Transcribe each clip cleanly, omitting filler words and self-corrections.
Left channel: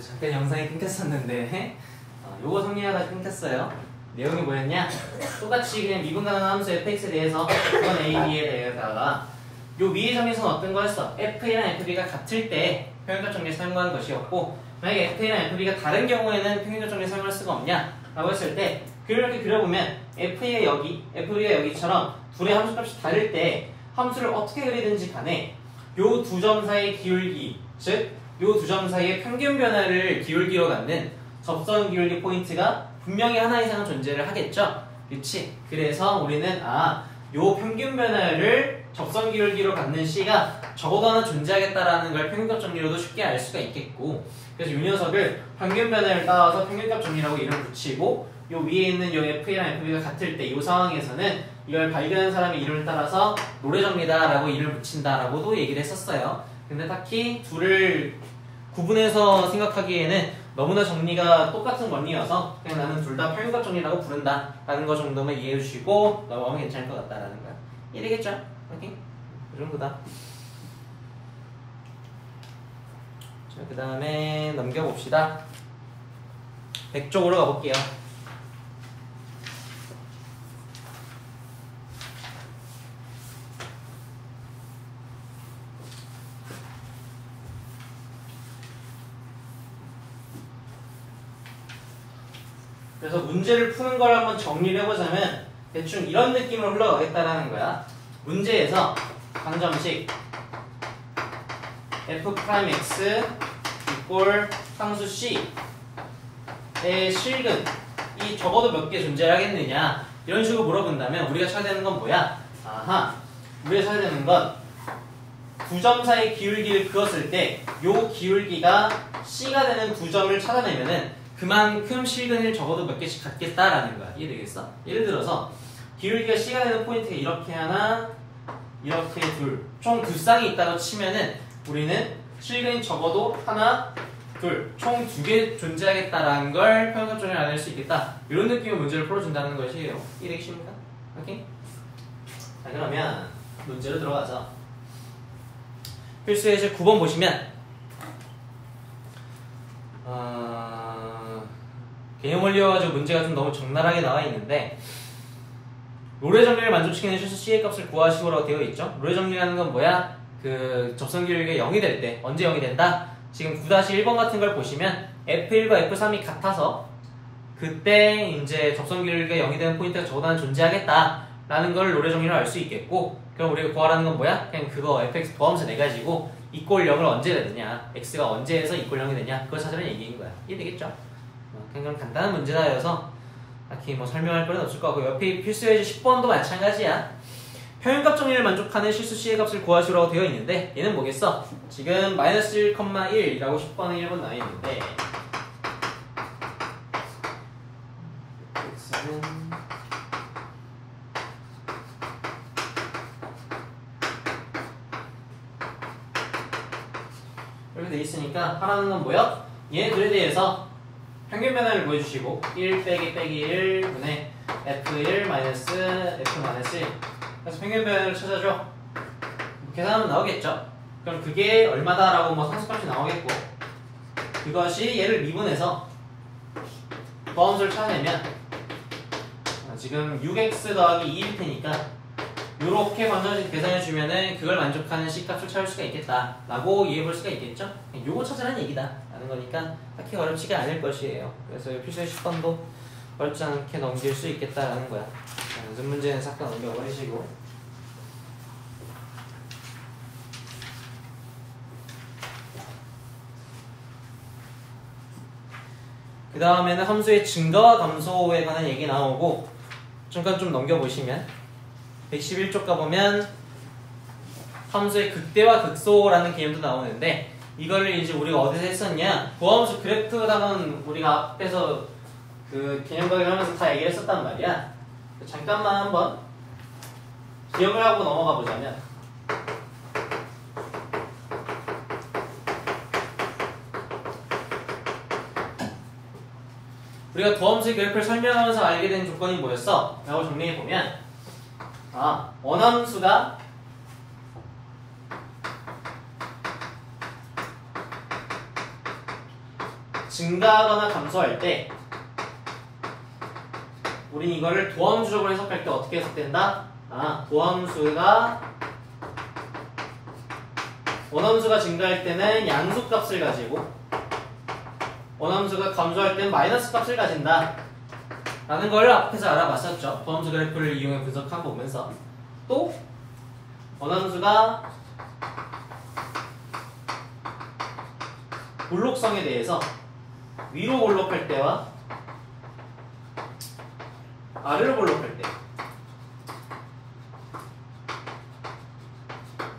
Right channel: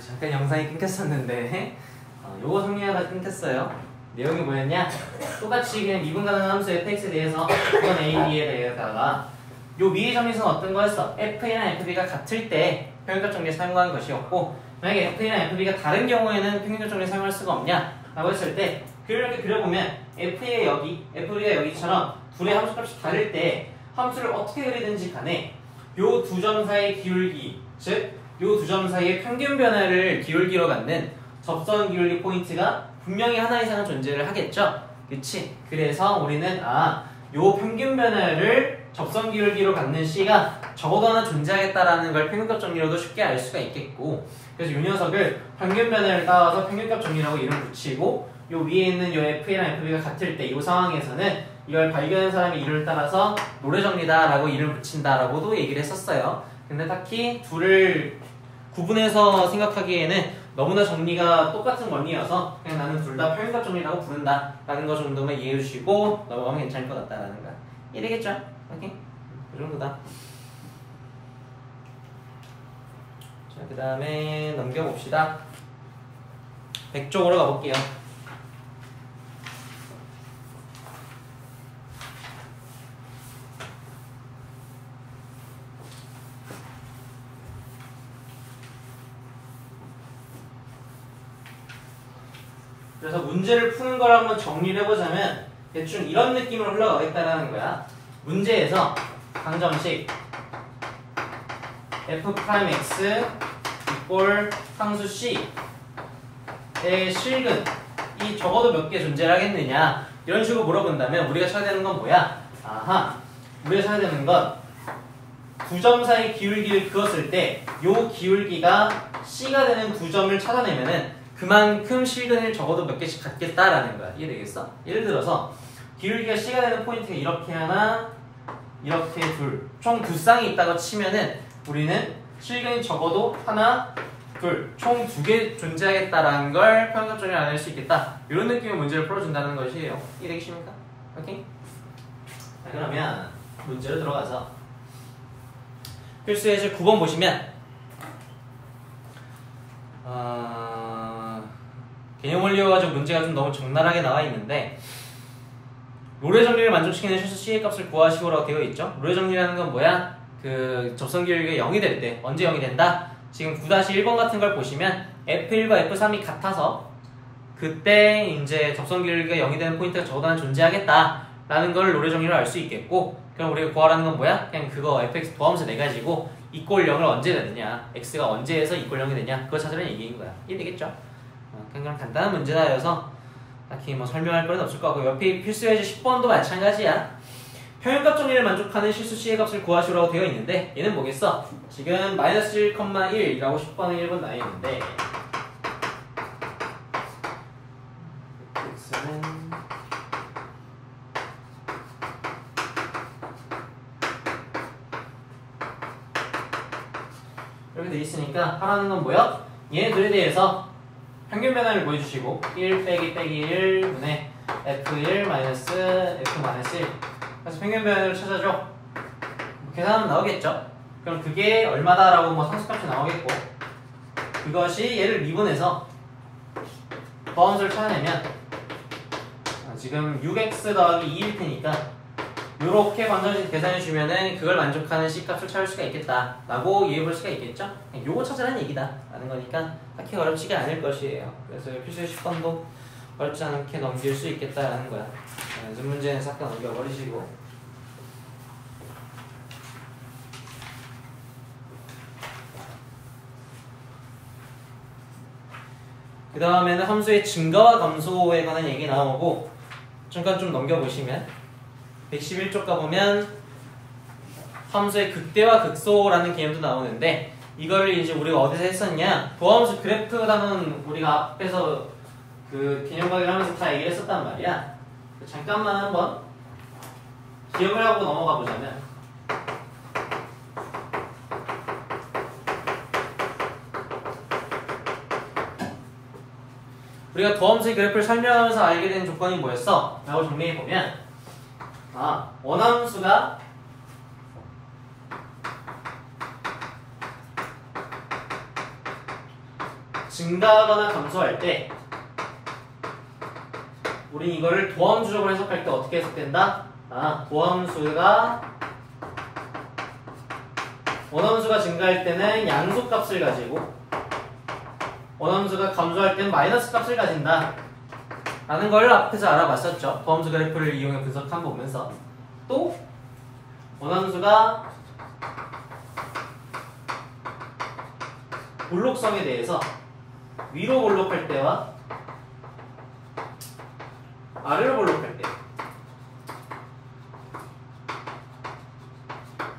잠깐 영상이 끊겼었는데 요거 정리하다 끊겼어요. 내용이 뭐였냐? 똑같이 그냥 미분 가능한 함수 fx에 대해서 이건 a, b에 대해서다가 요 위의 정리선 어떤 거였어? fA랑 fb가 같을 때 평균적 정리를 사용한 것이었고, 만약에 fA랑 fb가 다른 경우에는 평균적 정리를 사용할 수가 없냐? 라고 했을 때 이렇게 그려보면 f가 여기, fb가 여기처럼 둘의 함수값이 다를 때 함수를 어떻게 그리든지 간에 요 두 점 사이의 기울기, 즉 요 두 점 사이의 평균 변화를 기울기로 갖는 접선 기울기 포인트가 분명히 하나 이상은 존재를 하겠죠? 그치? 그래서 우리는 요 평균 변화를 접선 기울기로 갖는 C가 적어도 하나 존재하겠다라는 걸 평균값 정리로도 쉽게 알 수가 있겠고, 그래서 이 녀석을 평균 변화를 따와서 평균값 정리라고 이름 붙이고, 요 위에 있는 요 FA랑 FB가 같을 때 이 상황에서는 이걸 발견한 사람의 이름을 따라서 노래 정리다라고 이름을 붙인다라고도 얘기를 했었어요. 근데 딱히 둘을 구분해서 생각하기에는 너무나 정리가 똑같은 원리여서 그냥 나는 둘 다 평균값 정리라고 부른다 라는 거 정도만 이해해 주시고 넘어가면 괜찮을 것 같다라는 거야. 이해되겠죠? 오케이? 그 정도다. 자, 그 다음에 넘겨봅시다. 100쪽으로 가볼게요. 그래서 문제를 푸는 걸 한번 정리를 해보자면 대충 이런 느낌으로 흘러가겠다라는 거야. 문제에서 방정식 f'x 이꼴 상수 c의 실근이 적어도 몇 개 존재하겠느냐 이런 식으로 물어본다면 우리가 찾아야 되는 건 뭐야? 우리가 찾아야 되는 건 두 점 사이 기울기를 그었을 때 요 기울기가 c가 되는 두 점을 찾아내면은 그만큼 실근을 적어도 몇 개씩 갖겠다라는 거야. 이해되겠어? 예를 들어서 기울기가 C가 되는 포인트가 이렇게 하나, 이렇게 둘, 총 두 쌍이 있다고 치면은 우리는 실근이 적어도 하나, 둘, 총 두 개 존재하겠다라는 걸 평균값 정리를 알아낼 수 있겠다. 이런 느낌의 문제를 풀어준다는 것이에요. 이해되겠습니까? 오케이? 자, 그러면 문제로 들어가죠. 필수 예제 9번 보시면 개념 원리여가지고 문제가 좀 너무 적나라하게 나와 있는데 롤의 정리를 만족시키는 실수 C의 값을 구하시오라고 되어 있죠. 롤의 정리라는 건 뭐야? 그 접선 기울기가 0이 될 때 언제 0이 된다? 지금 9-1번 같은 걸 보시면 F1과 F3이 같아서 그때 이제 접선 기울기가 0이 되는 포인트가 적어도 하나 존재하겠다라는 걸 롤의 정리로 알 수 있겠고, 그럼 우리가 구하라는 건 뭐야? 그냥 그거 fx 도함수 내가지고 이꼴 0을 언제 되느냐, x가 언제 해서 이꼴 0이 되냐, 그거 찾으라는 얘기인 거야. 이해되겠죠? 그냥 간단한 문제다여서 딱히 뭐 설명할 건 없을 것 같고, 옆에 필수 예제 10번도 마찬가지야. 평균값 정리를 만족하는 실수 C의 값을 구하시오라고 되어 있는데 얘는 뭐겠어? 지금 마이너스 1,1이라고 10번에 1번 나와 있는데 이렇게 돼 있으니까 하라는 건 뭐야? 얘네들에 대해서 평균 변화를 보여주시고 1 빼기 1분의 F1 마이너스 F-1 그래서 평균 변화를 찾아줘. 계산하면 나오겠죠? 그럼 그게 얼마다라고 뭐 상수값이 나오겠고, 이것이 얘를 미분해서 더함수를 찾아내면 지금 6x 더하기 2일 테니까 요렇게 방정식 계산해주면은 그걸 만족하는 C값을 찾을 수가 있겠다 라고 이해해볼 수가 있겠죠? 요거 찾으라는 얘기다 라는 거니까 딱히 어렵지가 않을 것이에요. 그래서 필수의 10번도 어렵지 않게 넘길 수 있겠다라는 거야. 연습 문제는 싹 다 넘겨버리시고, 그 다음에는 함수의 증가와 감소에 관한 얘기 나오고, 잠깐 좀 넘겨보시면 111쪽 가보면 함수의 극대와 극소라는 개념도 나오는데, 이거를 이제 우리가 어디서 했었냐, 도함수 그래프라는 우리가 앞에서 그 개념 강의하면서 다 얘기를 했었단 말이야. 잠깐만 한번 기억을 하고 넘어가 보자면, 우리가 도함수의 그래프를 설명하면서 알게 된 조건이 뭐였어? 라고 정리해보면 원함수가 증가하거나 감소할 때 우린 이거를 도함수적으로 해석할 때 어떻게 해석된다? 원함수가 증가할 때는 양수값을 가지고 원함수가 감소할 때는 마이너스 값을 가진다 라는 걸 앞에서 알아봤었죠. 도함수 그래프를 이용해 분석한 보면서 또 원함수가 볼록성에 대해서 위로 볼록할 때와 아래로 볼록할 때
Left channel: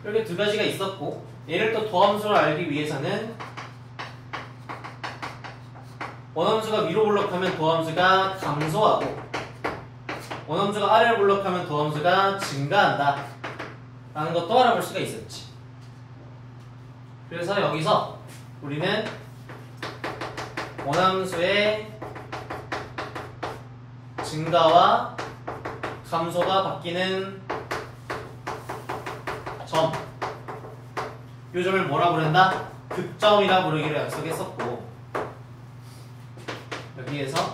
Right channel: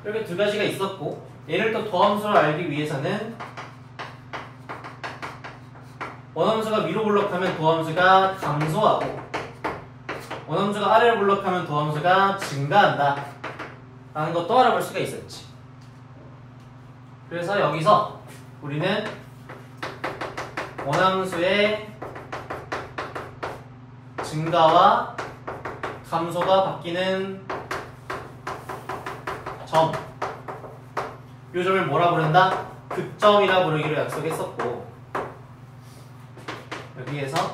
이렇게 두 가지가 있었고 얘를 또 도함수를 알기 위해서는 원함수가 위로 볼록하면 도함수가 감소하고 원함수가 아래로 볼록하면 도함수가 증가한다 라는 것도 알아볼 수가 있었지. 그래서 여기서 우리는 원함수의 증가와 감소가 바뀌는 점, 이 점을 뭐라 부른다? 극점이라 부르기로 약속했었고 여기에서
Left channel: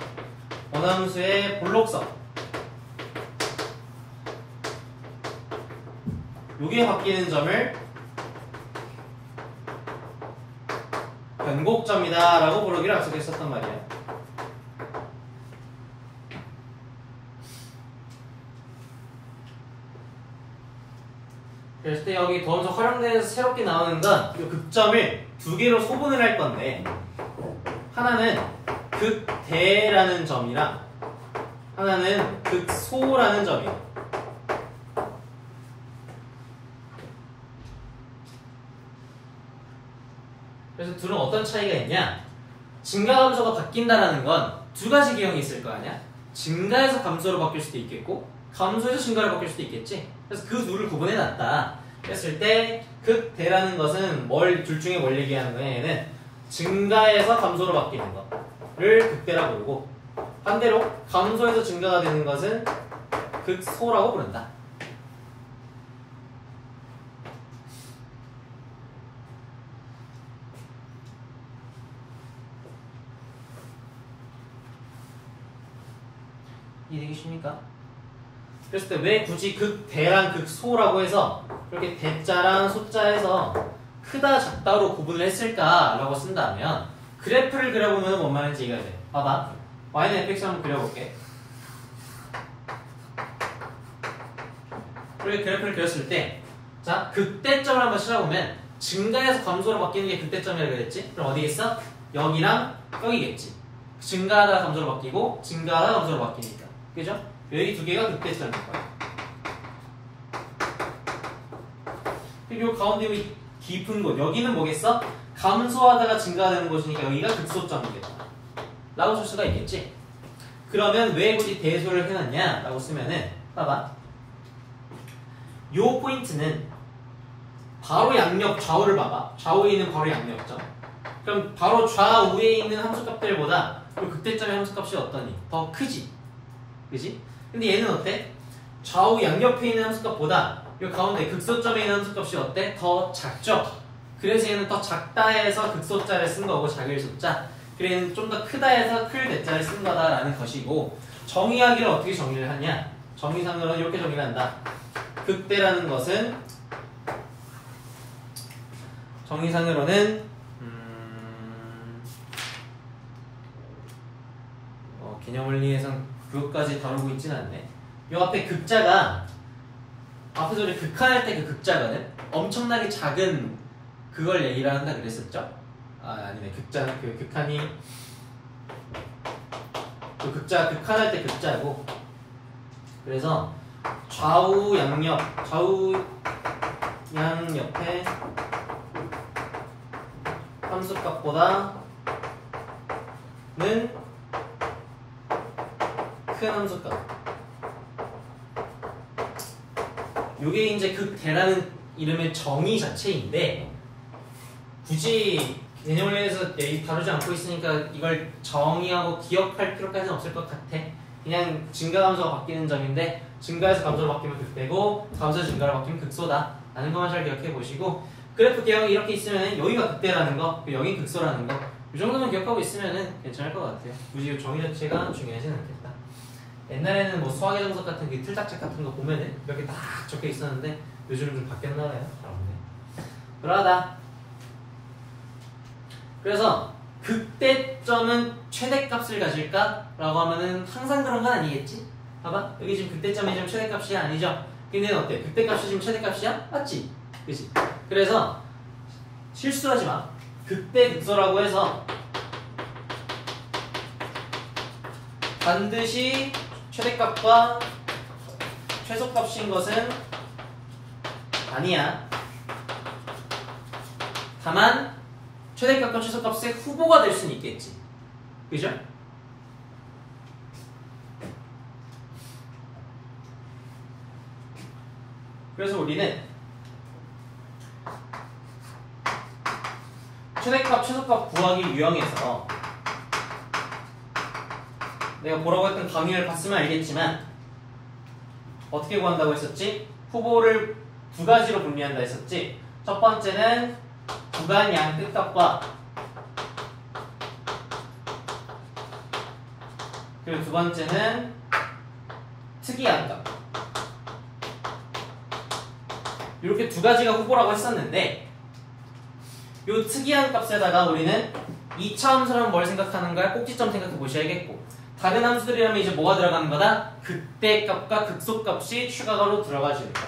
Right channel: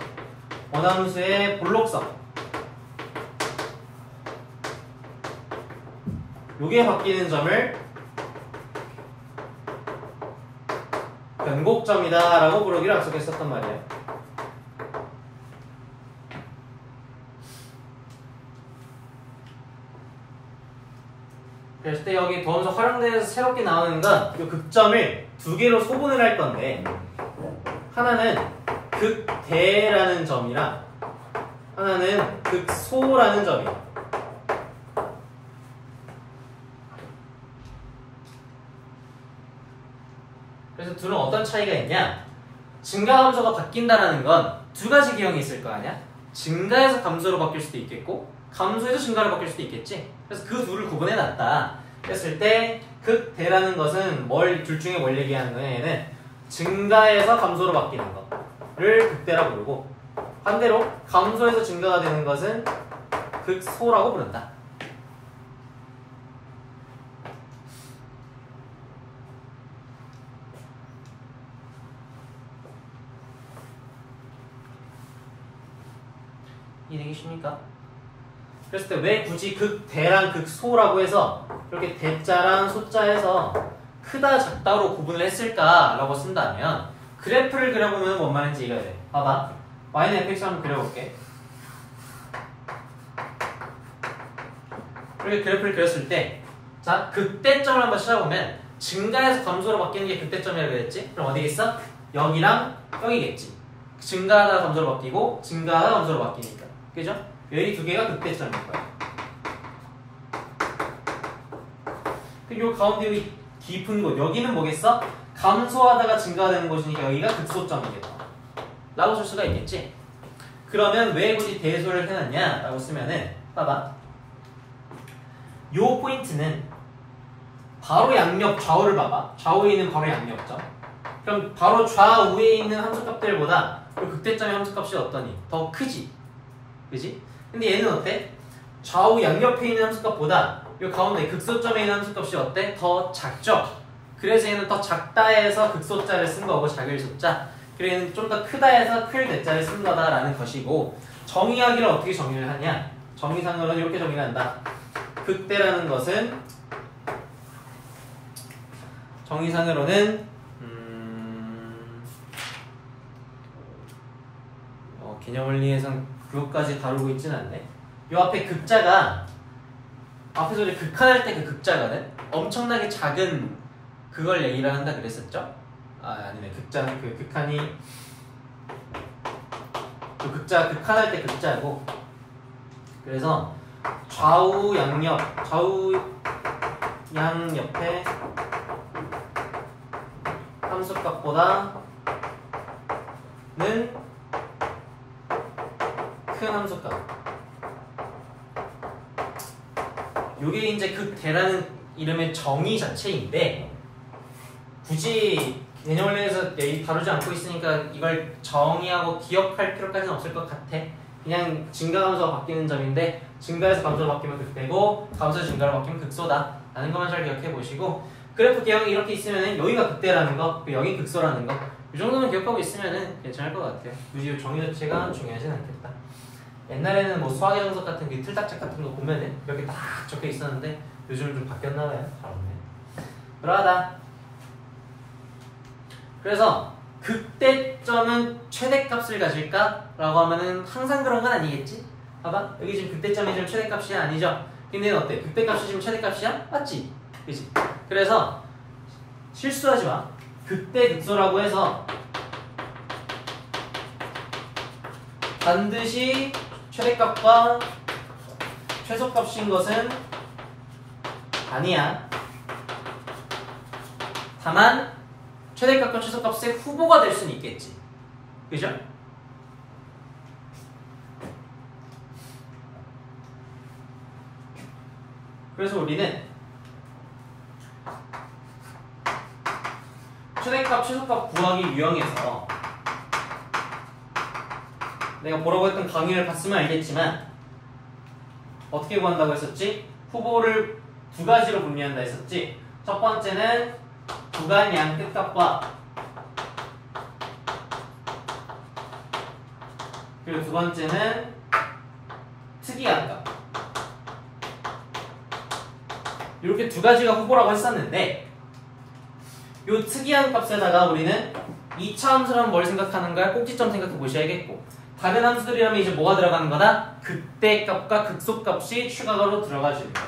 원함수의 볼록성 요게 바뀌는 점을 변곡점이다 라고 부르기로 약속했었단 말이야. 그랬을 때 여기 도함수 활용대에서 새롭게 나오는 건 이 극점을 두 개로 소분을 할 건데 하나는 극대라는 점이랑 하나는 극소라는 점이야. 그래서 둘은 어떤 차이가 있냐? 증가 감소가 바뀐다는 건 두 가지 기형이 있을 거 아니야? 증가해서 감소로 바뀔 수도 있겠고 감소해서 증가로 바뀔 수도 있겠지. 그래서 그 둘을 구분해 놨다 했을 때 극대라는 것은 둘 중에 뭘 얘기하는 거야? 얘는 증가해서 감소로 바뀌는 거를 극대라고 부르고 반대로 감소해서 증가가 되는 것은 극소라고 부른다. 이해되십니까? 그랬을 때 왜 굳이 극대랑 극소라고 해서 이렇게 대자랑 소자에서 크다 작다로 구분을 했을까라고 쓴다면 그래프를 그려보면 뭔 말인지 이해가 돼. 봐봐. y는 fx 한번 그려볼게. 이렇게 그래프를 그렸을 때 자, 극대점을 한번 찾아보면 증가해서 감소로 바뀌는 게 극대점이라고 했지? 그럼 어디겠어? 여기랑 여기겠지. 증가하다가 감소로 바뀌고 증가하다가 감소로 바뀌니까. 그죠? 여기 두 개가 극대점일 거야. 그리고 가운데 이 깊은 곳 여기는 뭐겠어? 감소하다가 증가되는 곳이니까 여기가 극소점이겠다 라고 쓸 수가 있겠지. 그러면 왜 굳이 대소를 해놨냐 라고 쓰면은 봐봐. 요 포인트는 바로 양옆 좌우를 봐봐. 좌우에 있는 바로 양옆점. 그럼 바로 좌우에 있는 함수값들보다 요 극대점의 함수값이 어떠니? 더 크지? 그지? 근데 얘는 어때? 좌우 양옆에 있는 함수값보다 이 가운데 극소점에 있는 함수값이 어때? 더 작죠? 그래서 얘는 더 작다 해서 극소자를 쓴 거고 작을 소자. 그래 얘는 좀 더 크다 해서 클 대자를 쓴 거다라는 것이고 정의하기를 어떻게 정의를 하냐? 정의상으로는 이렇게 정의를 한다. 극대라는 것은 정의상으로는 개념원리에선 그것까지 다루고 있진 않네. 요 앞에 극자가 앞에서 우리 극한할 때 그 극자거든. 엄청나게 작은 그걸 얘기를 한다 그랬었죠? 아니네. 극자는 그 극한이 그 극자 극한할 때 극자고. 그래서 좌우 양옆에 함수값보다는 큰 함수값. 요게 이제 극대라는 이름의 정의 자체인데 굳이 개념원리에서 다루지 않고 있으니까 이걸 정의하고 기억할 필요까지는 없을 것 같아. 그냥 증가 감소가 바뀌는 점인데 증가에서 감소로 바뀌면 극대고 감소에서 증가로 바뀌면 극소다 라는 것만 잘 기억해 보시고 그래프 개형이 이렇게 있으면 여기가 극대라는 거, 여기 극소라는 거, 이 정도는 기억하고 있으면 괜찮을 것 같아요. 굳이 정의 자체가 중요하진 않겠다. 옛날에는 뭐 수학의 정석 같은 그 틀딱책 같은 거 보면은 이렇게 딱 적혀 있었는데 요즘은 좀 바뀌었나 봐요. 잘 없네. 그러하다. 그래서 극대점은 최대값을 가질까? 라고 하면은 항상 그런 건 아니겠지? 봐봐. 여기 지금 극대점이 지금 최대값이 아니죠? 근데 어때? 극대값이 지금 최대값이야? 맞지? 그치? 그래서 실수하지 마. 극대 극소라고 해서 반드시 최대값과 최소값인 것은 아니야. 다만 최대값과 최소값의 후보가 될 수는 있겠지. 그죠? 그래서 우리는 최대값, 최소값 구하기 유형에서 내가 보라고 했던 강의를 봤으면 알겠지만 어떻게 구한다고 했었지? 후보를 두 가지로 분류한다 했었지? 첫 번째는 구간 양 끝값과 그리고 두 번째는 특이한 값. 이렇게 두 가지가 후보라고 했었는데 이 특이한 값에다가 우리는 2차 함수라면 뭘 생각하는가? 꼭지점 생각해 보셔야겠고 다른 함수들이라면 이제 뭐가 들어가는 거다? 극대값과 극소값이 추가로 들어가주는 거.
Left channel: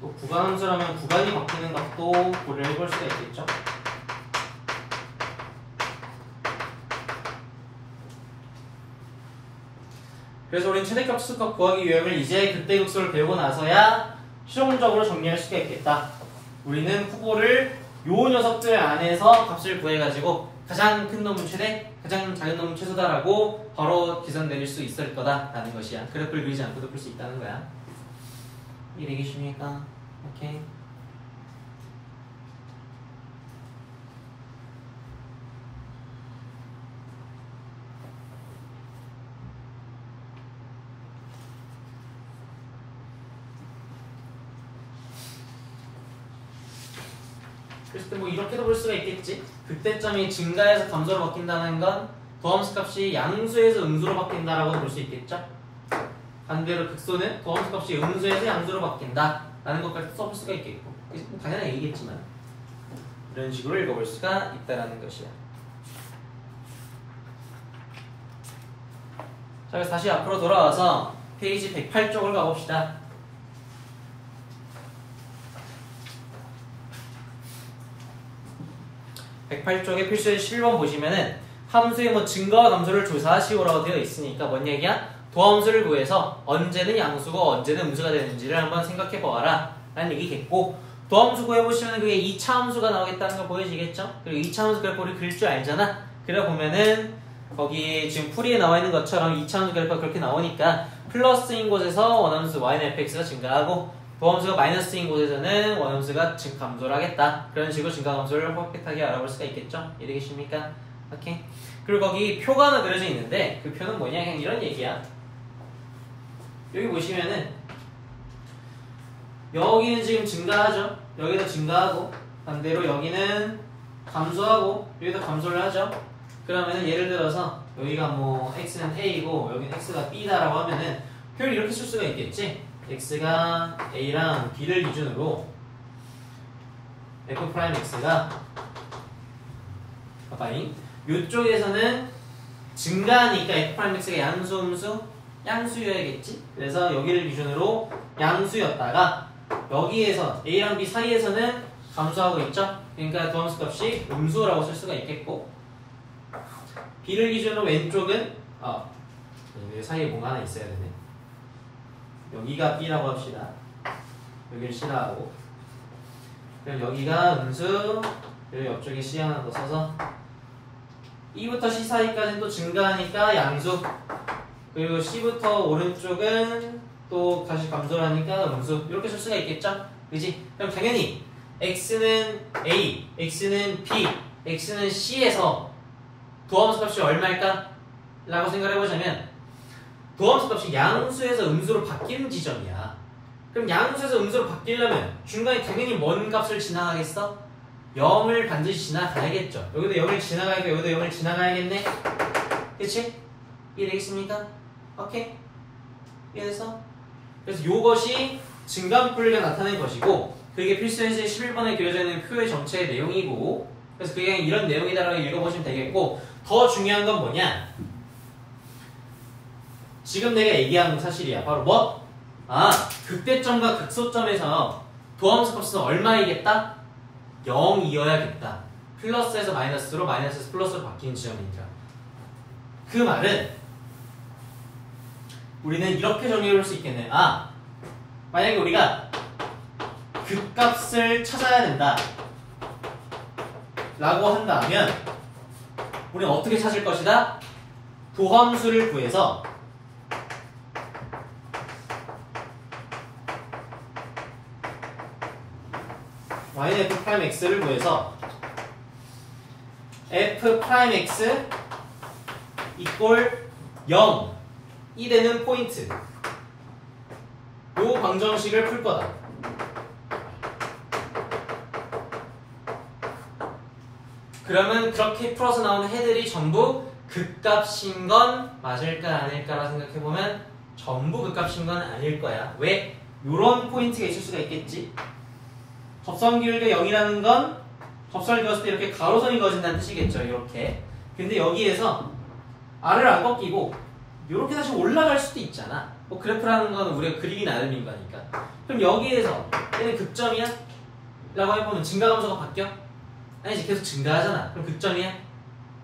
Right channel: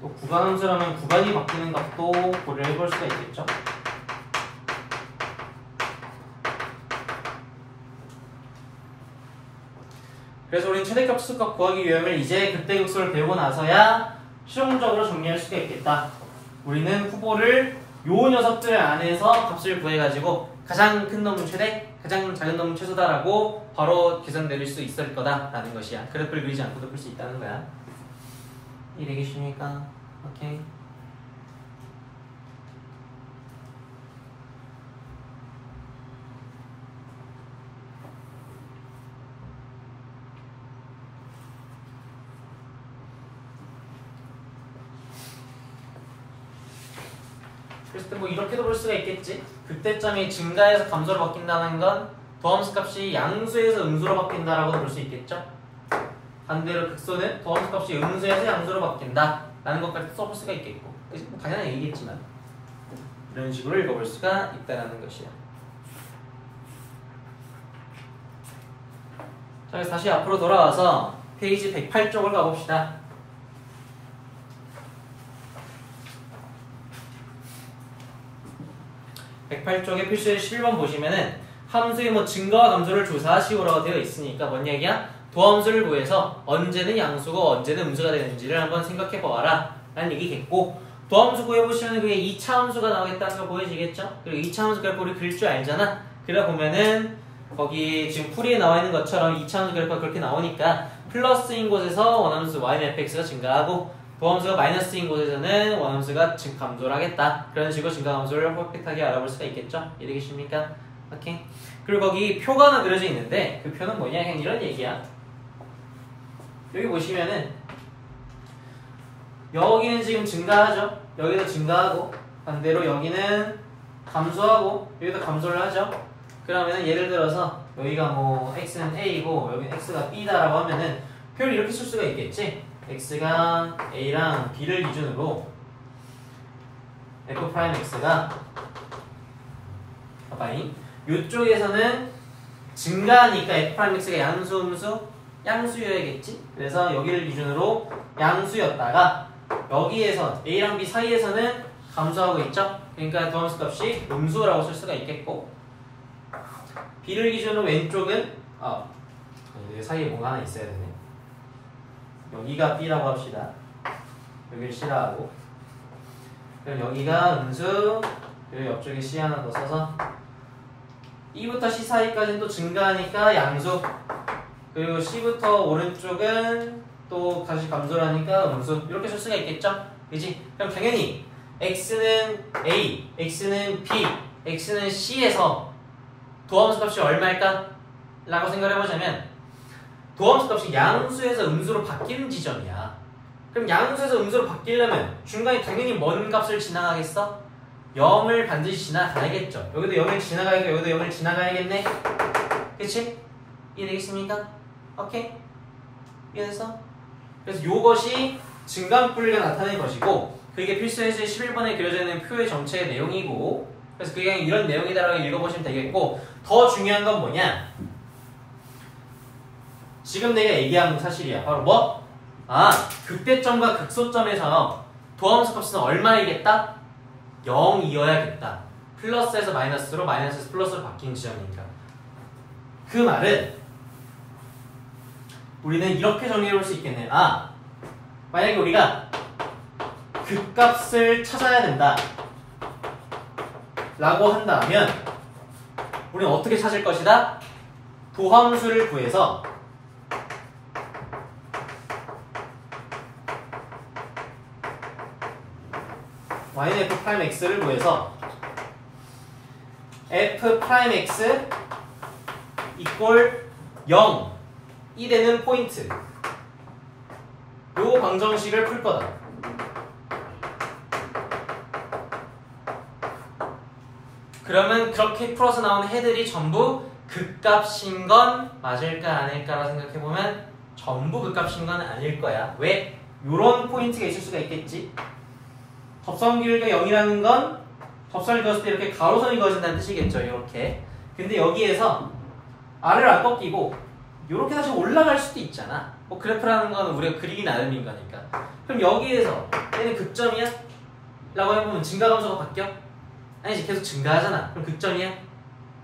또 구간 함수라면 구간이 바뀌는 값도 고려를 해볼 수가 있겠죠. 그래서 우리는 최대값, 최소값 구하기 유형을 이제 극대극소를 배우고 나서야 실용적으로 정리할 수가 있겠다. 우리는 후보를 요 녀석들 안에서 값을 구해가지고 가장 큰 놈은 최대, 가장 작은 놈은 최소다라고 바로 계산 내릴 수 있을 거다라는 것이야. 그래프를 그리지 않고도 풀 수 있다는 거야. 이해되겠습니까? 오케이. 그래서 뭐 이렇게도 볼 수가 있겠지. 극대점이 증가해서 감소로 바뀐다는 건 도함수 값이 양수에서 음수로 바뀐다라고 볼 수 있겠죠. 반대로 극소는 도함수 값이 음수에서 양수로 바뀐다 라는 것까지 써볼 수가 있겠고, 뭐 당연한 얘기겠지만 이런 식으로 읽어볼 수가 있다라는 것이야. 자, 그래서 다시 앞으로 돌아와서 페이지 108쪽을 가봅시다. 108쪽에 필수의 11번 보시면은 함수의 뭐 증가와 감소를 조사하시오라고 되어 있으니까 뭔 얘기야? 도함수를 구해서 언제는 양수고 언제는 음수가 되는지를 한번 생각해 보아라 라는 얘기겠고, 도함수 구해보시면 그게 2차 함수가 나오겠다는 거 보여지겠죠? 그리고 2차 함수 그래프 우리 그릴 줄 알잖아. 그래 보면은 거기 지금 풀이에 나와 있는 것처럼 2차 함수 그래프가 그렇게 나오니까 플러스인 곳에서 원함수 y는 fx가 증가하고 도함수가 마이너스인 곳에서는 원함수가 감소를 하겠다. 그런 식으로 증가 감소를 퍼펙트하게 알아볼 수가 있겠죠? 이해되겠습니까? 오케이. 그리고 거기 표가 하나 그려져 있는데 그 표는 뭐냐? 그냥 이런 얘기야. 여기 보시면은 여기는 지금 증가하죠? 여기도 증가하고 반대로 여기는 감소하고 여기도 감소를 하죠? 그러면은 예를 들어서 여기가 뭐 x는 a이고 여기는 x가 b다라고 하면은 표를 이렇게 쓸 수가 있겠지? x가 a랑 b를 기준으로 f'x가 봐봐잉 이쪽에서는 증가하니까 f'x가 양수, 음수, 양수여야겠지? 그래서 여기를 기준으로 양수였다가 여기에서 a랑 b 사이에서는 감소하고 있죠? 그러니까 도함수 값이 음수라고 쓸 수가 있겠고, b를 기준으로 왼쪽은 여기 사이에 뭔가 하나 있어야 되네. 여기가 b라고 합시다. 여기를 c라 하고, 그리고 여기가 음수, 그리고 옆쪽에 c 하나 더 써서 e부터 c 사이까지는 또 증가하니까 양수, 그리고 c부터 오른쪽은 또 또 다시 감소를 하니까 음수 이렇게 쓸 수가 있겠죠? 그지? 그럼 당연히 x는 a, x는 b, x는 c에서 도함수 값이 얼마일까? 라고 생각을 해보자면 도함수 값이 양수에서 음수로 바뀌는 지점이야. 그럼 양수에서 음수로 바뀌려면 중간에 당연히 뭔 값을 지나가겠어? 0을 반드시 지나가야겠죠. 여기도 0을 지나가야겠고 여기도 0을 지나가야겠네. 그치? 이해되겠습니까? 오케이? 이해됐어? 그래서 요것이 증가분포가 나타낸 것이고 그게 필수연수의 11번에 그려져 있는 표의 전체의 내용이고 그래서 그게 이런 내용이다라고 읽어보시면 되겠고 더 중요한 건 뭐냐? 지금 내가 얘기한 사실이야. 바로 뭐? 극대점과 극소점에서 도함수 값은 얼마이겠다? 0이어야겠다. 플러스에서 마이너스로 마이너스에서 플러스로 바뀌는 지점이니까. 그 말은 우리는 이렇게 정리해볼 수 있겠네. 만약에 우리가 극값을 찾아야 된다 라고 한다면 우리는 어떻게 찾을 것이다? 도함수를 구해서 y는 f'x를 구해서 f'x 이꼴 0이 되는 포인트 요 방정식을 풀 거다. 그러면 그렇게 풀어서 나오는 해들이 전부 극값인 건 맞을까 아닐까라 생각해보면 전부 극값인 건 아닐 거야. 왜? 요런 포인트가 있을 수가 있겠지. 접선 길이가 0이라는 건 접선을 그었을 때 이렇게 가로선이 그어진다는 뜻이겠죠. 이렇게. 근데 여기에서 아래를 안 꺾이고 이렇게 다시 올라갈 수도 있잖아. 뭐 그래프라는 건 우리가 그리기 나름인 거니까. 그럼 여기에서 얘는 극점이야? 라고 해보면 증가감소가 바뀌어? 아니지. 계속 증가하잖아. 그럼 극점이야?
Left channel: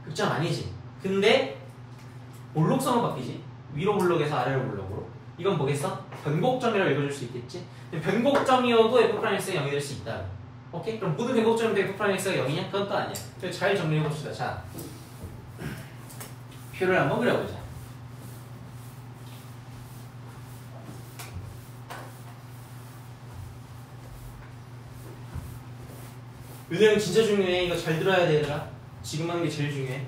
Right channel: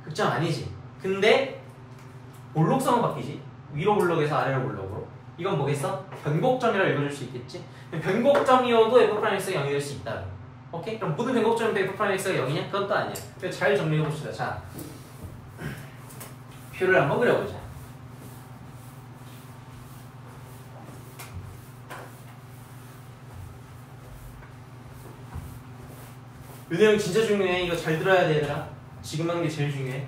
극점 아니지. 근데 볼록성은 바뀌지. 위로 볼록에서 아래로 볼록으로. 이건 뭐겠어? 변곡점이라고 읽어줄 수 있겠지. 변곡점이어도 f'x가 0이 될 수 있다. 오케이? 그럼 모든 변곡점인데 f'x가 0이냐? 그건 또 아니야. 잘 정리해봅시다. 자, 표를 한번 그려보자. 이 내용 진짜 중요해. 이거 잘 들어야 돼, 얘들아. 지금 하는 게 제일 중요해.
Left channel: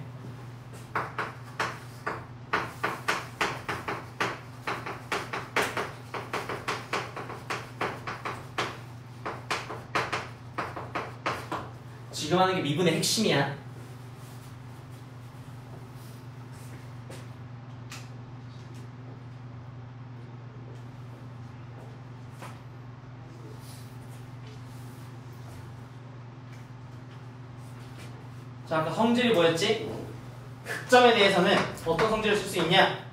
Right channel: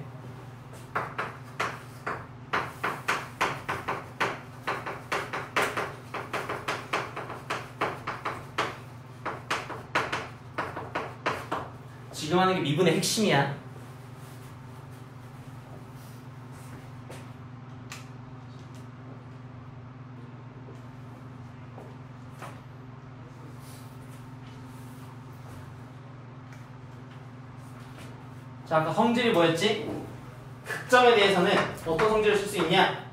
지금 하는 게 미분의 핵심이야. 자, 아까 성질이 뭐였지? 극점에 대해서는 어떤 성질을 쓸 수 있냐?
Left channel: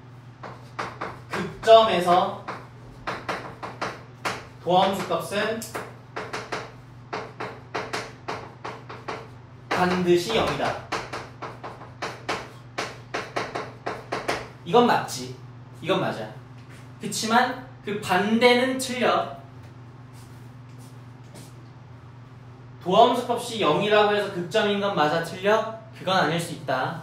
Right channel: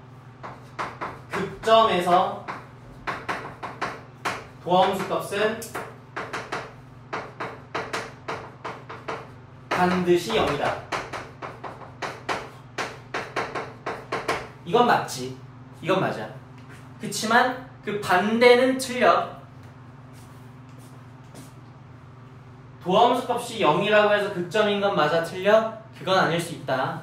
극점에서 도함수 값은 반드시 0이다. 이건 맞지. 이건 맞아. 그치만 그 반대는 틀려. 도함수 값이 0이라고 해서 극점인 건 맞아? 틀려? 그건 아닐 수 있다.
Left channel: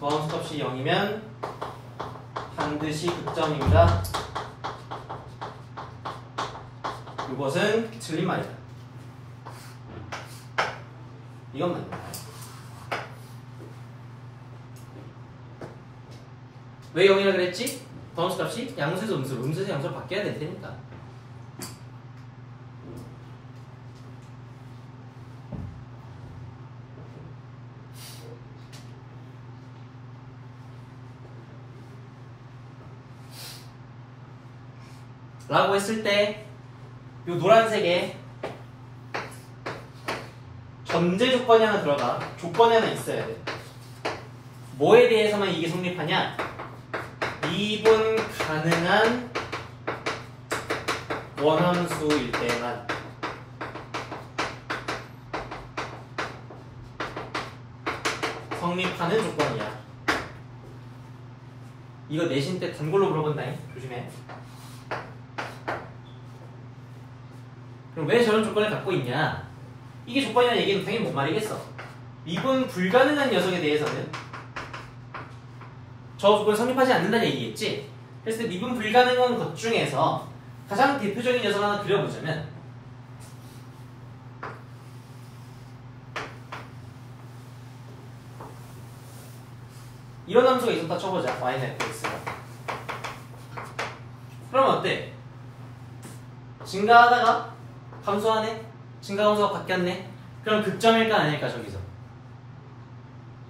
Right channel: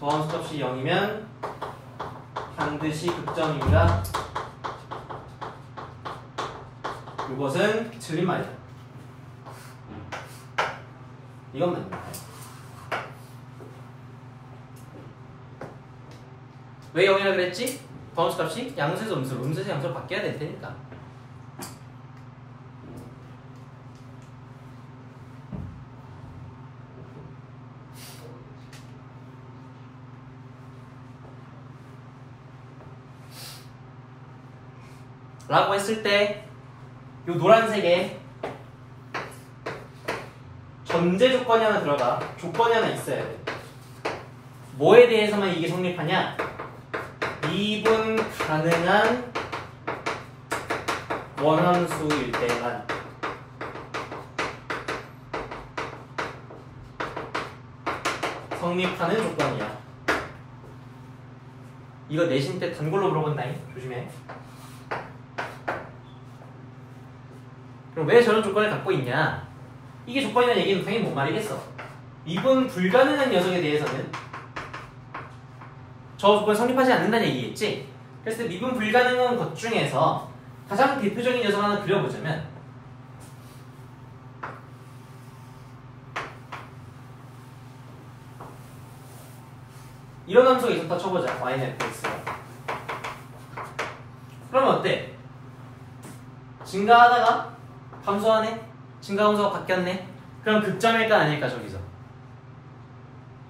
도함수 값이 0이면 반드시 극점입니다. 이것은 틀린 말이다. 이건 맞는 거야. 왜 0이라 그랬지? 도함수 값이 양수에서 음수로, 음수에서 양수로 바뀌어야 될 테니까. 라고 했을 때 요 노란색에 전제 조건이 하나 들어가. 조건이 하나 있어야 돼. 뭐에 대해서만 이게 성립하냐? 미분 가능한 원원수일 때만. 성립하는 조건이야. 이거 내신 때 단골로 물어본다잉. 조심해. 그럼 왜 저런 조건을 갖고 있냐? 이게 조건이라는 얘기는 당연히 뭔 말이겠어? 미분 불가능한 녀석에 대해서는 저 조건 성립하지 않는다는 얘기겠지? 그래서 미분 불가능한 것 중에서 가장 대표적인 녀석 하나 그려보자면 이런 함수가 있었다 쳐보자. y는 fx가. 그러면 어때? 증가하다가 감소하네? 증가 함수가 바뀌었네? 그럼 극점일까 아닐까 저기서?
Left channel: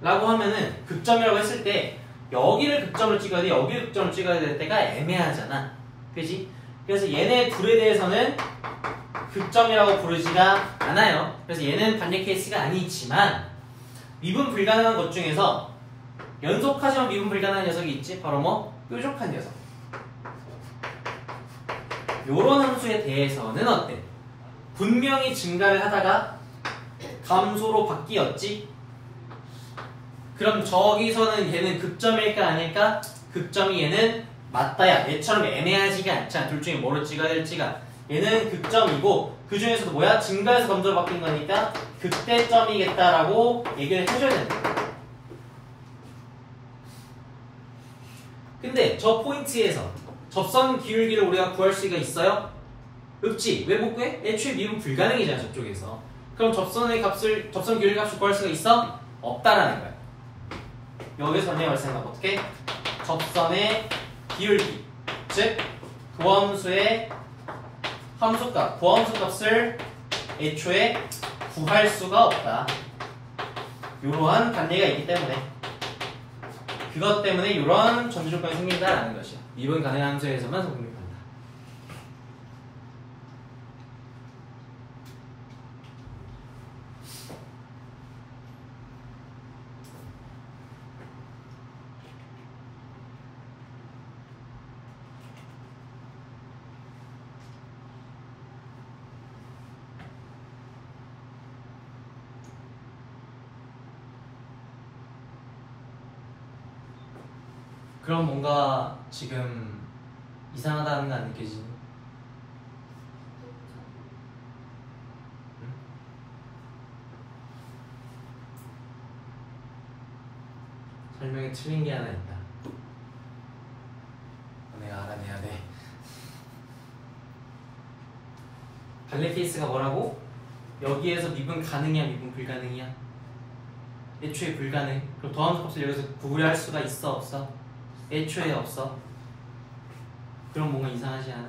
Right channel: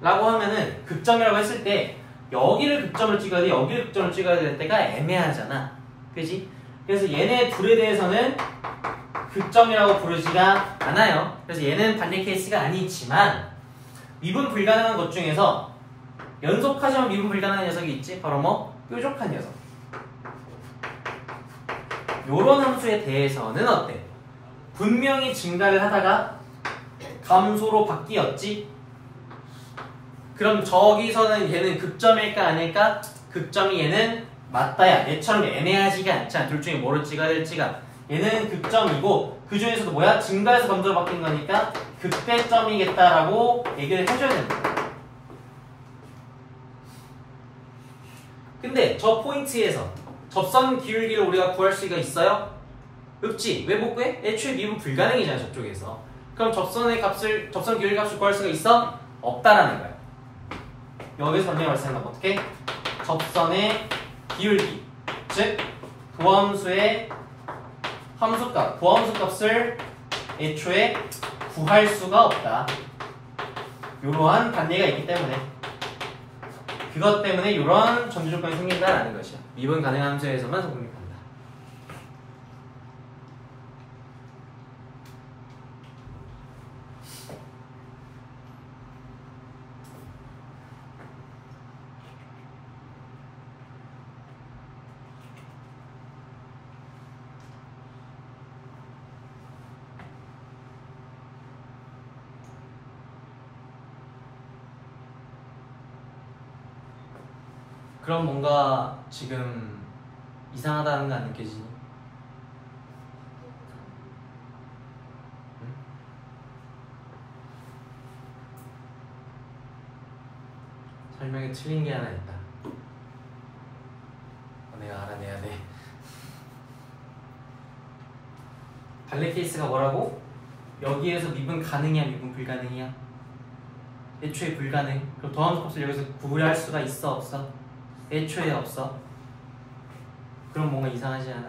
라고 하면은 극점이라고 했을 때 여기를 극점을 찍어야 돼, 여기를 극점을 찍어야 될 때가 애매하잖아. 그지? 그래서 얘네 둘에 대해서는 극점이라고 부르지가 않아요. 그래서 얘는 반대 케이스가 아니지만 미분 불가능한 것 중에서 연속하지만 미분 불가능한 녀석이 있지? 바로 뭐? 뾰족한 녀석. 요런 함수에 대해서는 어때? 분명히 증가를 하다가 감소로 바뀌었지? 그럼 저기서는 얘는 극점일까 아닐까? 극점이 얘는 맞다야. 얘처럼 애매하지가 않잖아. 둘 중에 뭐를 찍어야 될지가. 얘는 극점이고 그 중에서도 뭐야? 증가해서 감소로 바뀐 거니까 극대점이겠다라고 얘기를 해줘야 된다. 근데 저 포인트에서 접선 기울기를 우리가 구할 수가 있어요? 없지. 왜 못 구해? 애초에 미분 불가능이잖아 저쪽에서. 그럼 접선 기울기 값을 구할 수가 있어? 없다라는 거야. 여기서 반대가 발생하면 어떻게? 접선의 기울기, 즉 도함수의 함수값, 도함수 값을 애초에 구할 수가 없다. 이러한 반대가 있기 때문에 그것 때문에 이런 전제 조건이 생긴다라는 것이야. 미분 가능한 함수에서만 성립한다. 그럼 뭔가 지금 이상하다는 거 안 느껴지니? 응? 설명이 틀린 게 하나 있다. 내가 알아내야 돼. 발레 케이스가 뭐라고? 여기에서 미분 가능이야, 미분 불가능이야? 애초에 불가능. 그럼 더함수 값을 여기서 구할 수가 있어, 없어? 애초에 없어. 그럼 뭔가 이상하지 않아?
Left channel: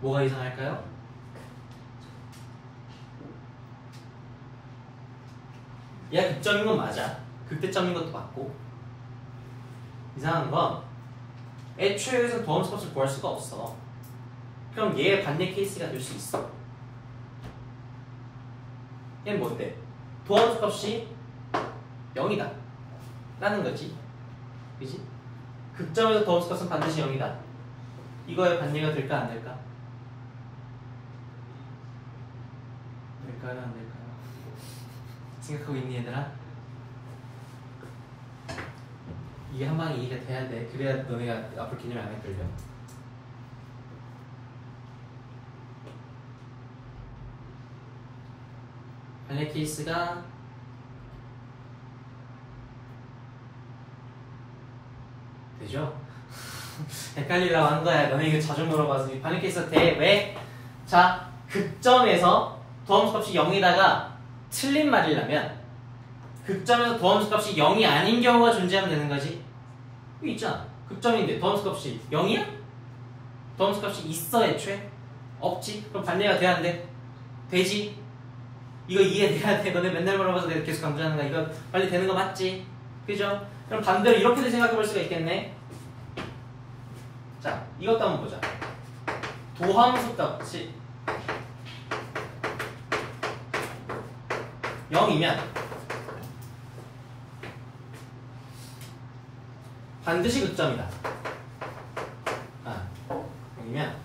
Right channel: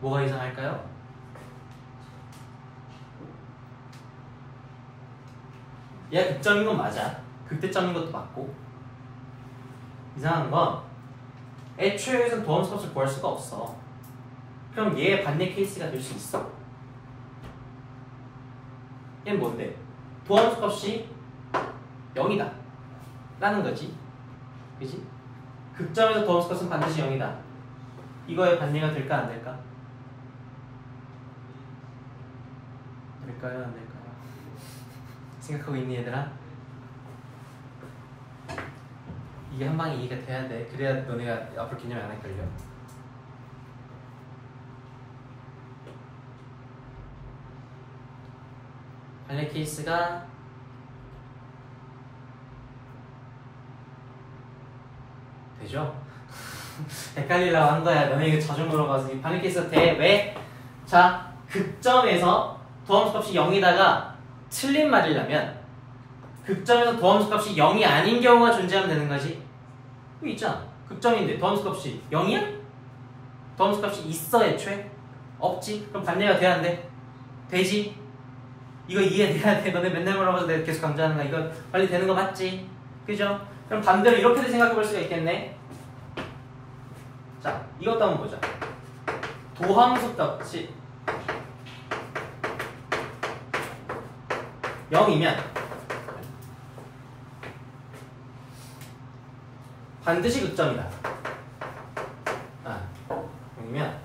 뭐가 이상할까요? 얘가 극점인 건 맞아. 극대점인 것도 맞고. 이상한 건 애초에 여기서 도함수 값을 구할 수가 없어. 그럼 얘의 반대 케이스가 될 수 있어. 얘는 뭔데? 도함수 값이 0이다 라는 거지. 그지? 극점에서 도함수 값은 반드시 0이다. 이거의 반대가 될까 안 될까? 될까요 안 될까요? 생각하고 있니 얘들아? 이게 한 방에 이해가 돼야 돼. 그래야 너네가 앞으로 개념 안 헷갈려. 반대 케이스가 되죠? 헷갈리려고 한 거야. 너네 이거 자주 물어봐서 이 반대 케이스가 돼. 왜? 자, 극점에서 도함수 값이 0이다가 틀린 말이라면 극점에서 도함수 값이 0이 아닌 경우가 존재하면 되는 거지. 이거 있잖아. 극점인데 도함수 값이 0이야? 도함수 값이 있어 애초에? 없지? 그럼 반대가 돼야 안 돼? 되지? 이거 이해돼야 돼. 너네 맨날 물어봐서 내가 계속 강조하는 거야. 이거 빨리 되는 거 맞지? 그죠? 그럼 반대로 이렇게도 생각해 볼 수가 있겠네. 자, 이것도 한번 보자. 도함수 값이 0이면 반드시 극점이다. 0이면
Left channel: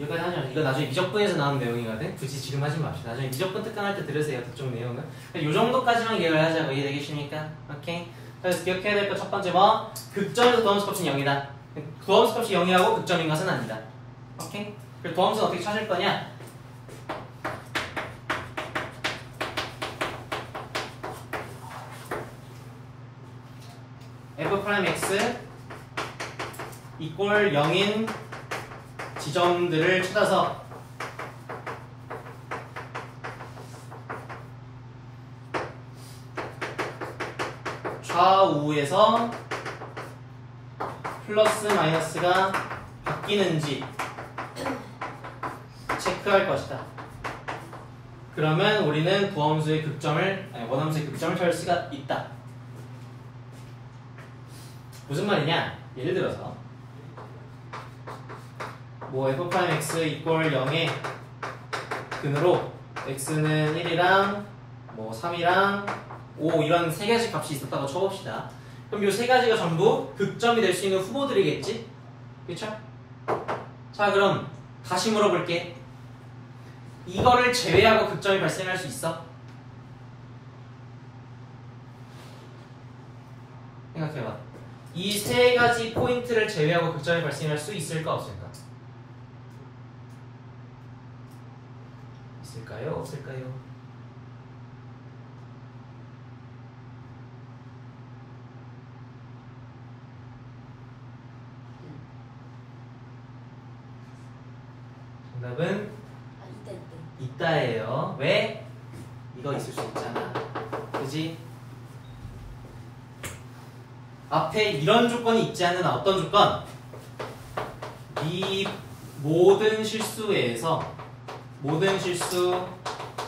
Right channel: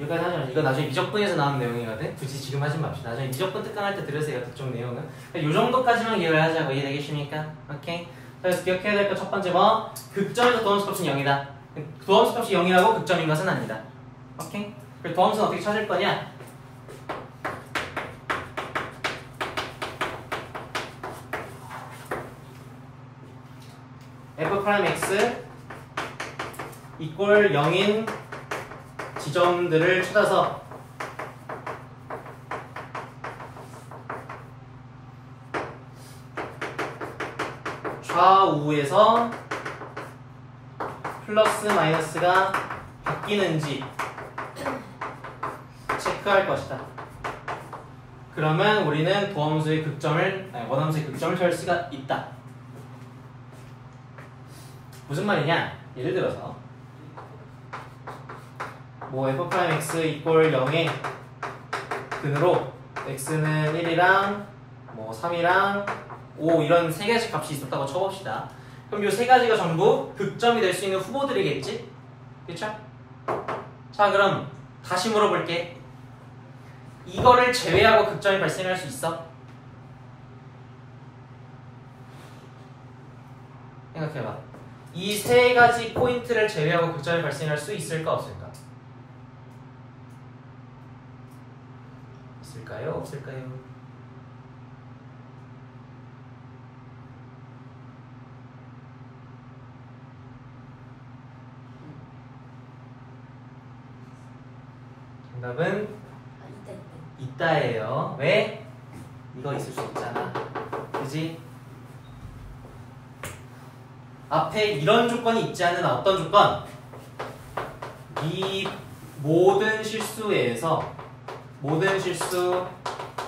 여기까지 하자. 이거 나중에 미적분에서 나오는 내용이거든. 굳이 지금 하지 맙시다. 나중에 미적분 특강할 때 들으세요. 특정 내용은. 이 정도까지만 기억을 하자고. 이해되겠습니까? 오케이. 그래서 기억해야 될 거 첫 번째 뭐? 극점에서 도함수 값은 0이다. 도함수 값이 0이라고 극점인 것은 아니다. 오케이? 그리고 도함수는 어떻게 찾을 거냐? f'x 이꼴 0인 지점들을 찾아서 좌우에서 플러스 마이너스가 바뀌는지 체크할 것이다. 그러면 우리는 도함수의 극점을, 아니 원함수의 극점을 찾을 수가 있다. 무슨 말이냐? 예를 들어서 뭐 f'x 이꼴 0의 근으로 x는 1이랑 뭐 3이랑 5 이런 세 가지 값이 있었다고 쳐봅시다. 그럼 이 세 가지가 전부 극점이 될 수 있는 후보들이겠지? 그쵸? 자, 그럼 다시 물어볼게. 이거를 제외하고 극점이 발생할 수 있어? 생각해봐. 이 세 가지 포인트를 제외하고 극점이 발생할 수 있을까 없을까? 있을까요? 없을까요? 정답은 있다예요. 왜? 이거 있을 수 있잖아. 그지? 앞에 이런 조건이 있지 않는 어떤 조건? 이 모든 실수에서 모든 실수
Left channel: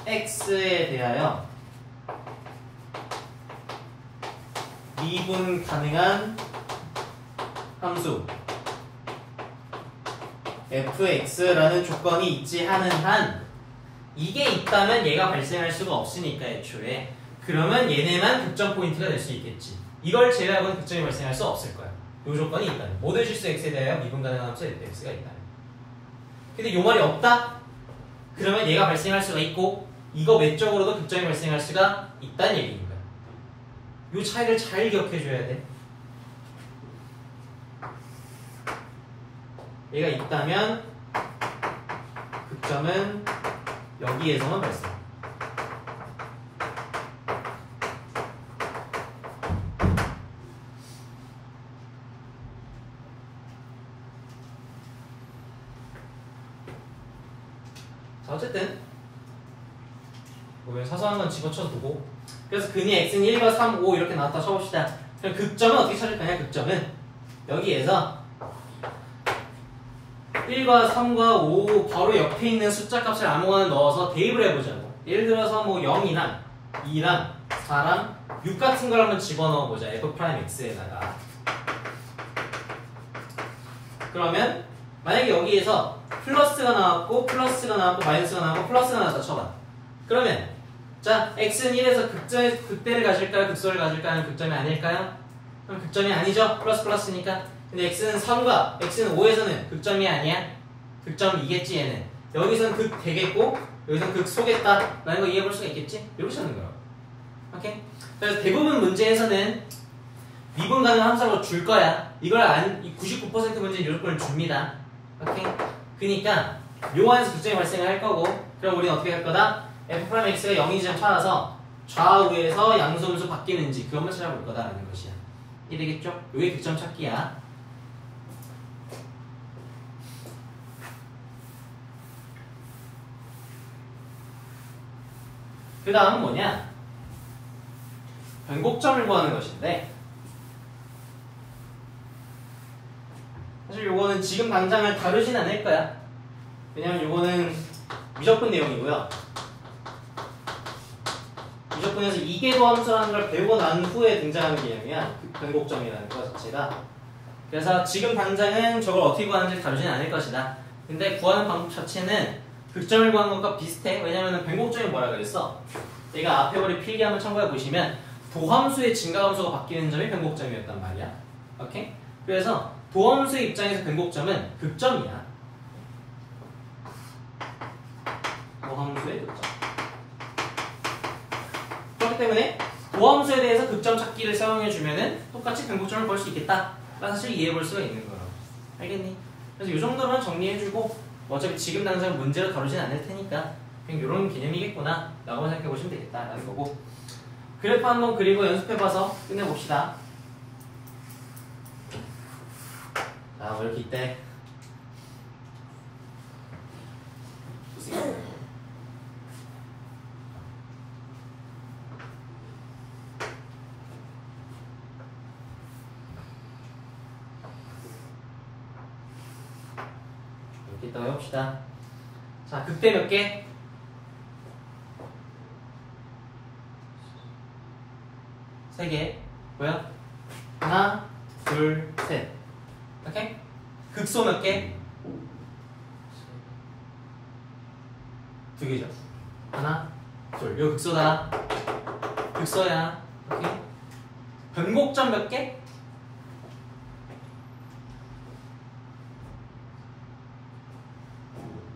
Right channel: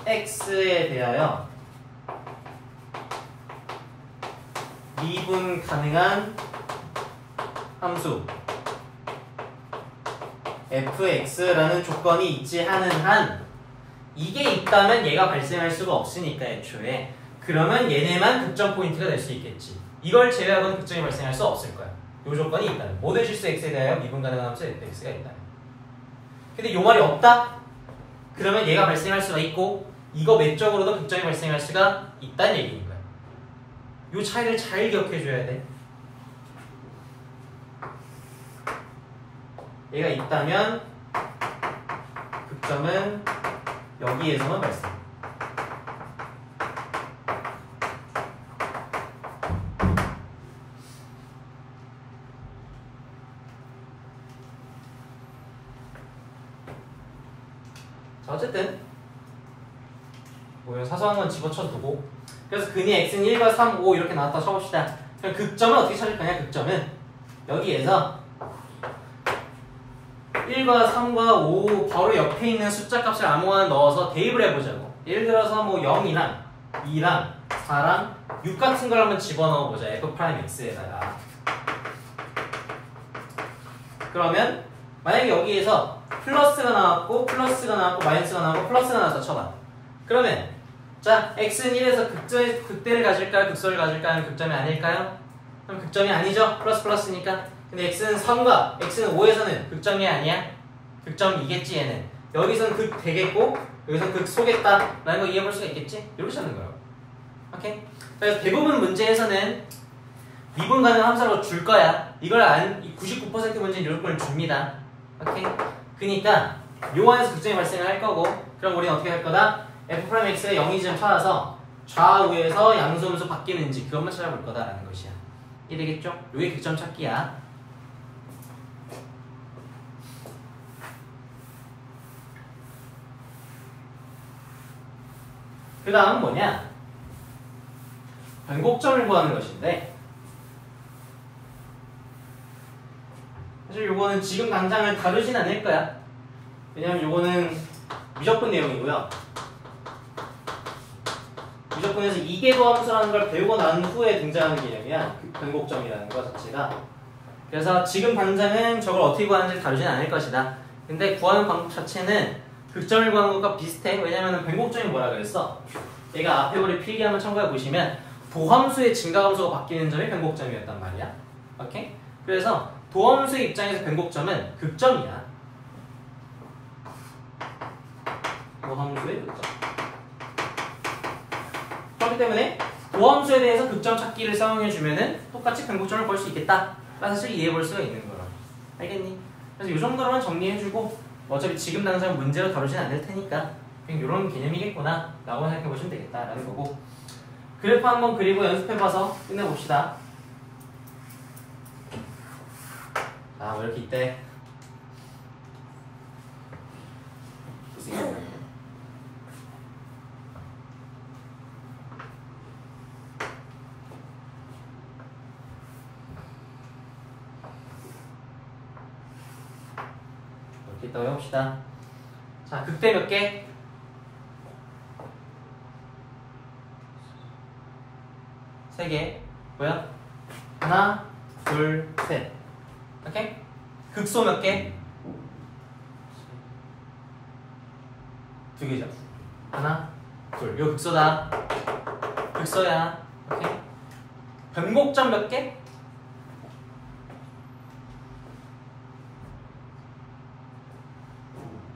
x에 대하여 미분 가능한 함수 fx라는 조건이 있지 않은 한 이게 있다면 얘가 발생할 수가 없으니까 애초에 그러면 얘네만 극점 포인트가 될 수 있겠지. 이걸 제외하고는 극점이 발생할 수 없을 거야. 요 조건이 있다면 모든 실수 x에 대하여 미분 가능한 함수 fx가 있다면. 근데 요 말이 없다? 그러면 얘가 발생할 수가 있고 이거 외적으로도 극점이 발생할 수가 있다는 얘기인 거야. 요 차이를 잘 기억해 줘야 돼. 얘가 있다면 극점은 여기에서만 발생. 자, 어쨌든 뭐 사소한 건 집어쳐두고 그래서 근이 x는 1과 3, 5 이렇게 나왔다 쳐봅시다. 그럼 극점은 어떻게 찾을 거냐? 극점은 여기에서 1과 3과 5 바로 옆에 있는 숫자 값을 아무거나 넣어서 대입을 해보자고. 예를 들어서 뭐 0이랑 2랑 4랑 6 같은 걸 한번 집어넣어보자. f'x에다가. 그러면 만약에 여기에서 플러스가 나왔고 플러스가 나왔고 마이너스가 나왔고 플러스가 나왔다 쳐봐. 그러면 자 x는 1에서 극대를 가질까요? 극소를 가질까요? 하는 극점이 아닐까요? 그럼 극점이 아니죠? 플러스 플러스니까. 근데 x는 3과 x는 5에서는 극점이 아니야? 극점이겠지 얘는. 여기서는 극 되겠고 여기서 극 소겠다 라는 거 이해해볼 수가 있겠지? 이렇게 하는 거예요. 오케이? 그래서 대부분 문제에서는 미분 가능한 함수로 줄 거야. 이걸 99% 문제는 이런 걸 줍니다. 오케이? 그니까 요 안에서 극점이 발생을 할 거고 그럼 우리는 어떻게 할 거다? f'x가 0인지 찾아서 좌우에서 양수함수 바뀌는지 그것만 찾아볼 거다라는 것이야. 이해되겠죠? 요게 극점 찾기야. 그 다음은 뭐냐? 변곡점을 구하는 것인데 사실 요거는 지금 당장은 다루진 않을 거야. 왜냐면 요거는 미적분 내용이고요. 미적분에서 이계도 함수라는 걸 배우고 난 후에 등장하는 개념이야. 그 변곡점이라는 것 자체가. 그래서 지금 당장은 저걸 어떻게 구하는지 다루진 않을 것이다. 근데 구하는 방법 자체는 극점을 구하는 것과 비슷해. 왜냐면 변곡점이 뭐라 그랬어? 얘가 앞에 우리 필기 한번 참고해 보시면 도함수의 증가함수가 바뀌는 점이 변곡점이었단 말이야. 오케이? 그래서 도함수의 입장에서 변곡점은 극점이야. 도함수의 극점. 그렇기 때문에 도함수에 대해서 극점 찾기를 사용해주면은 똑같이 변곡점을 볼 수 있겠다. 사실 이해해볼 수가 있는 거야. 알겠니? 그래서 이 정도로만 정리해주고 어차피 지금 당장 문제로 다루진 않을 테니까 그냥 이런 개념이겠구나 라고 생각해보시면 되겠다라는 거고 그래프 한번 그리고 연습해봐서 끝내봅시다. 아, 뭐 이렇게 있대. 좋습니다. 이렇게 있다고 해봅시다. 자, 극대 몇 개? 세 개. 뭐야? 하나, 둘, 셋. 오케이? 극소 몇 개? 두 개죠. 하나, 둘. 요 극소다. 극소야. 오케이? 변곡점 몇 개?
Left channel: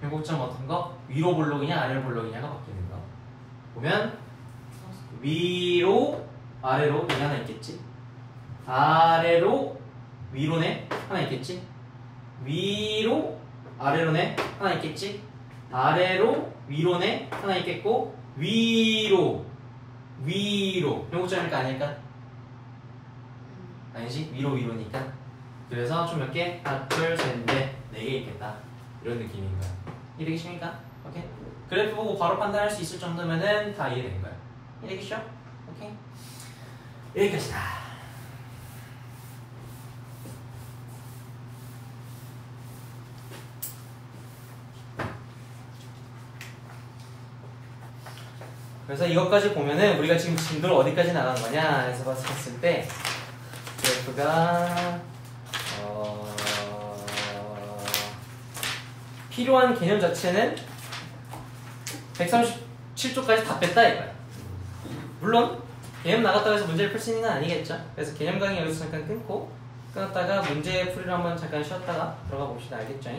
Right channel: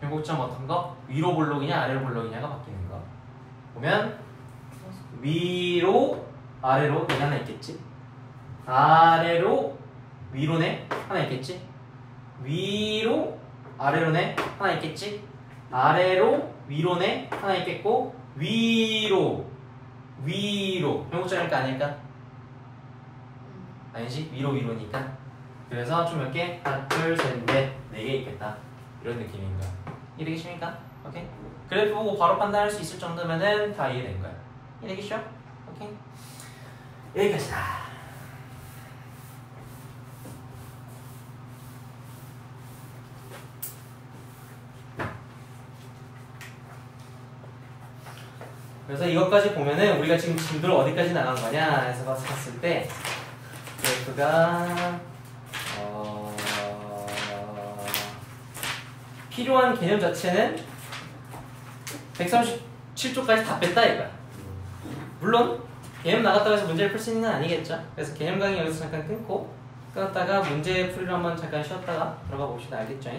변곡점 어떤 거? 위로 볼록이냐 아래로 볼록이냐가 바뀌는 거. 보면 위로 아래로 얘 하나 있겠지. 아래로 위로네 하나 있겠지. 위로 아래로네 하나 있겠지. 아래로 위로네 하나 있겠고 위로 변곡점일까 아닐까? 아니지 위로니까. 그래서 좀 몇 개? 하나 둘셋넷 네 개 있겠다. 이런 느낌인 거야. 이해되겠습니까? 오케이. 그래프 보고 바로 판단할 수 있을 정도면은 다 이해된 거야. 이해되겠죠? 오케이. 여기까지다. 그래서 이것까지 보면은 우리가 지금 진도를 어디까지 나간 거냐 해서 봤을 때 그래프가 필요한 개념 자체는 137쪽까지 다 뺐다 이거야. 물론 개념 나갔다고 해서 문제를 풀 수 있는 건 아니겠죠. 그래서 개념 강의 여기서 잠깐 끊고 끊었다가 문제 풀이로 한번 잠깐 쉬었다가 들어가 봅시다. 알겠죠?